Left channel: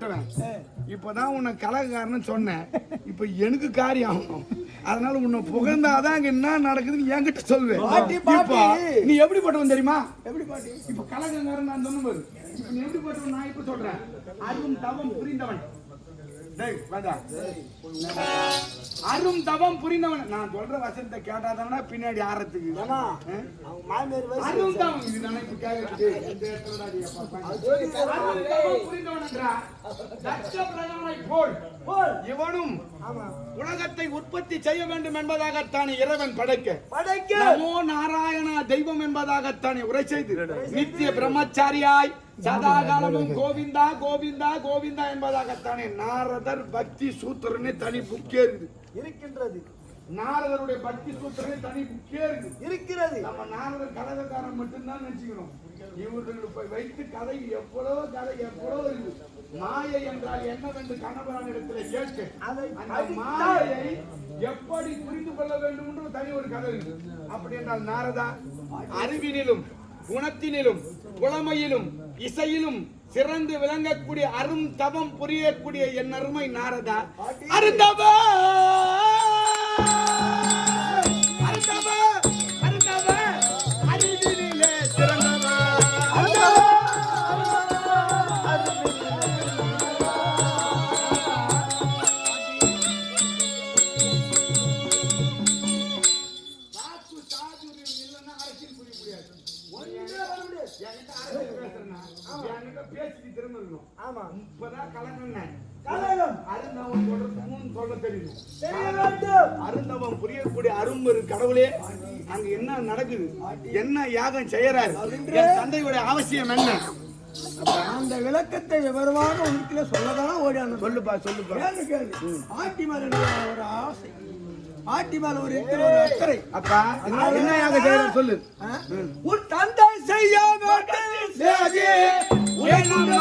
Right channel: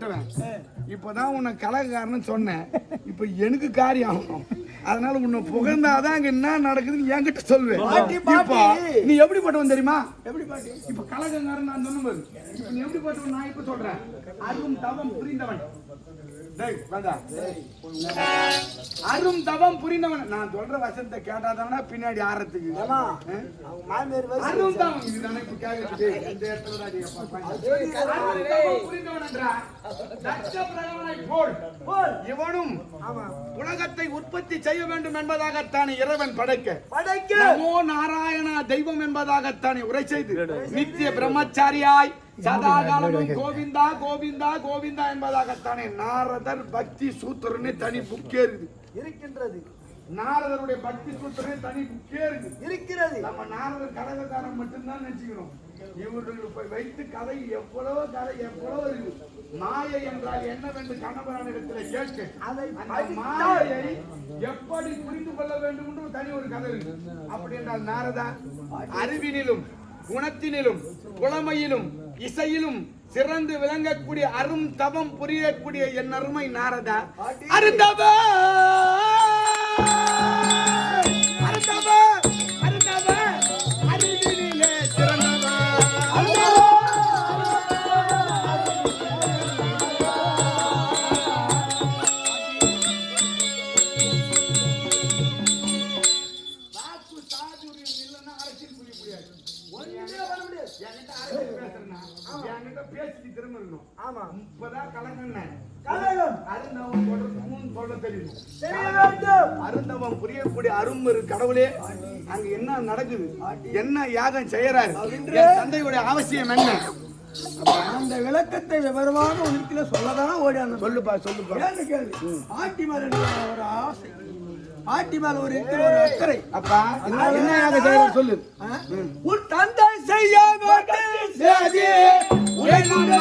எப்படிப்பட்டவன் இப்பதான் உன்னை கலகக்காரன்னு சொன்னேன். இப்ப எனக்கு காரியம் ஆகணும். அதனால உன்னை புகழ்ந்தாதான் அங்க என்ன நடக்குதுன்னு என்கிட்ட சொல்லுவேன். நீ எப்படிப்பட்டவன் தெரியுமா? எப்படி பாட்டி? இப்ப கலகக்காரன் நான் சொன்ன போது இப்ப நீ எப்படிப்பட்டவன் நான் இப்ப சொல்றேன். அரும் தவம் புரிந்தவன். அரும் தவம் புரிந்தவன். நான் சொல்ற வசனத்தை கேட்டாதானா பின்னாடி ஆறத்துக்கு அரும் தவம் இதுதானே இப்ப கேட்குது. எந்த இடத்துல புரிந்தவன் என்றார் இவனும் உலகத்தை உற்பத்தி செய்ய வேண்டும் என்பதாகத்தானே இறைவன் படைக்க நமோ நாராயணா தெய்வம் என்பதாகத்தானே உரை செய்து நித்திய பிரம்மச்சாரியாய் சதாகாலமும் கோவிந்தா கோவிந்தா கோவிந்தா என்பதாகத்தானே நாரதர் பக்தி சூத்திரனே தனி புக்கே இருக்கின்றது. நாரதருடைய பக்தி சூத்திரனே தனி புக்கே இருக்கிறது. நம்ம நாரதர் கலகக்காரன் மட்டும்தான் நினைச்சுக்கிறோம். இவர்களுக்கு வைத்து கதை எவ்வளவு இருக்கு. மாயை என்றால் என்னவென்று கணவனிடத்தில் கேட்க அந்த மாயையை எப்படி புரிந்து கொள்ள வேண்டும் என்று தனி ஒரு கதை இருக்கு. அப்படி என்றால் நாரதா அறிவினிலும் குணத்தினிலும் புலமையிலும் இசையிலும் சிறந்து விளங்கக்கூடிய அரும் தவம் புரியக்கூடிய என் அருமை நாரதா அருந்தவ அறிவினிலே சிறந்தவ இல்லைன்னா அரசியல் புரிய முடியாது. பேச்சு திரும்பணும். ஆமா இப்பதான் கலங்கண்ணன் அருந்தவம் சொல்ல தெரியும். அருந்தவம் புரியக்கூடிய அரும்பெரு கடவுளே அங்க என்ன நடக்குது, என்ன யாகம் செய்யறாரு, தந்தையுடைய அவசியம் என்ன, அந்த விளக்கத்தை விவரமாக உனக்குள்ள சொல்லதான் ஓடியாங்க. சொல்லுப்பா கேள்வி. பாட்டி மேல ஒரு ஆசை, பாட்டி மேல ஒரு அக்கறை. அப்பா என்ன செய்யற சொல்லு. உன் தந்தை செய்ய செய்யறானே